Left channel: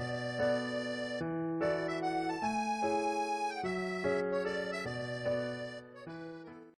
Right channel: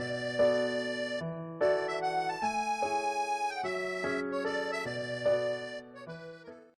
Música